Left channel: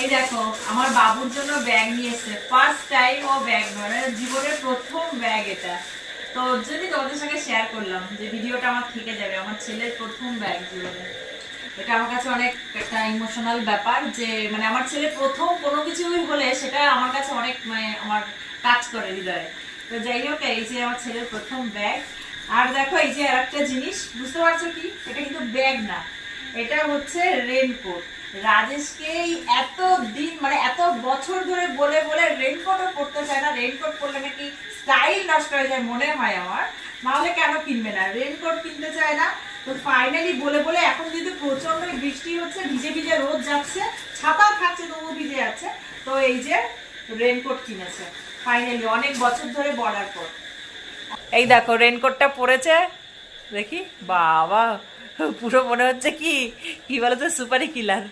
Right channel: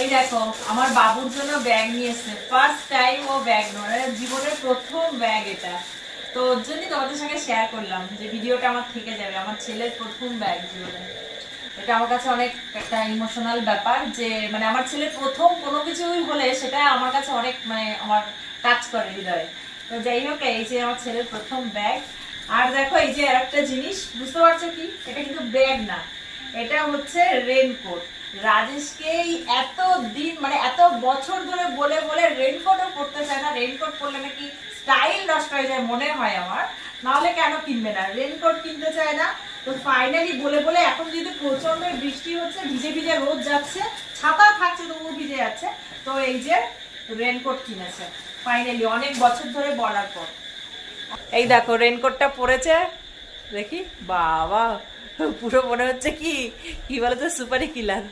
এই দেখো আমার বাবুর জন্য ব্যাগ নিয়েছে, ফার্স্ট টাইম ও ব্যাগ নয়, জীবনের প্রথম ব্যাগ এটা। তো ওর জন্যই তোমাদের সঙ্গে শেয়ার করলাম যে ভিডিওটা আমার থেকে যাবে, আমার ছেলের প্রথম ব্যাগ জীবনে। এটা আমার কাছে অনেক একটা ইমোশনাল ব্যাপার, যে মানে আমার ছেলের প্রথম কোনো কিছুই হলে সেটা আমার কাছে অনেক মানে আমার টাচ করে হৃদয়ে। তো যাই হোক, এই যে আমার ছেলের প্রথম ব্যাগ। আর দেখো এই যে আর একটা জিনিস, বুঝতে পারছো কি, এটা কিন্তু ব্যাগ না, এটা হচ্ছে রেনকোট। রাজেশকে এত দিন মানে এত বছর ধরে বলে বলে রেনকোটও পরতে চায় না, রেনকোট পরলে নাকি স্টাইল নষ্ট হয়ে যায় মনে হয় আমার, নাহলে কেন কিনবে না, রেনকোট কিনতে চায় না। তো ফাইনালি বলে বলে এখন যেহেতু প্রচন্ড বৃষ্টি হচ্ছে, ভিজে ভিজে রোদ যাচ্ছে, ছাতা থাকছে তবুও ভিজে যাচ্ছে, তো এই যে রেনকোট কিনেছে ফাইনালি অনেক বছর ধরে বলার পর। এই দেখো রেনকোটটা পরেছে, দেখি বাবা পুরো মনে হচ্ছে কি কি বলতো সুপারি কিলার।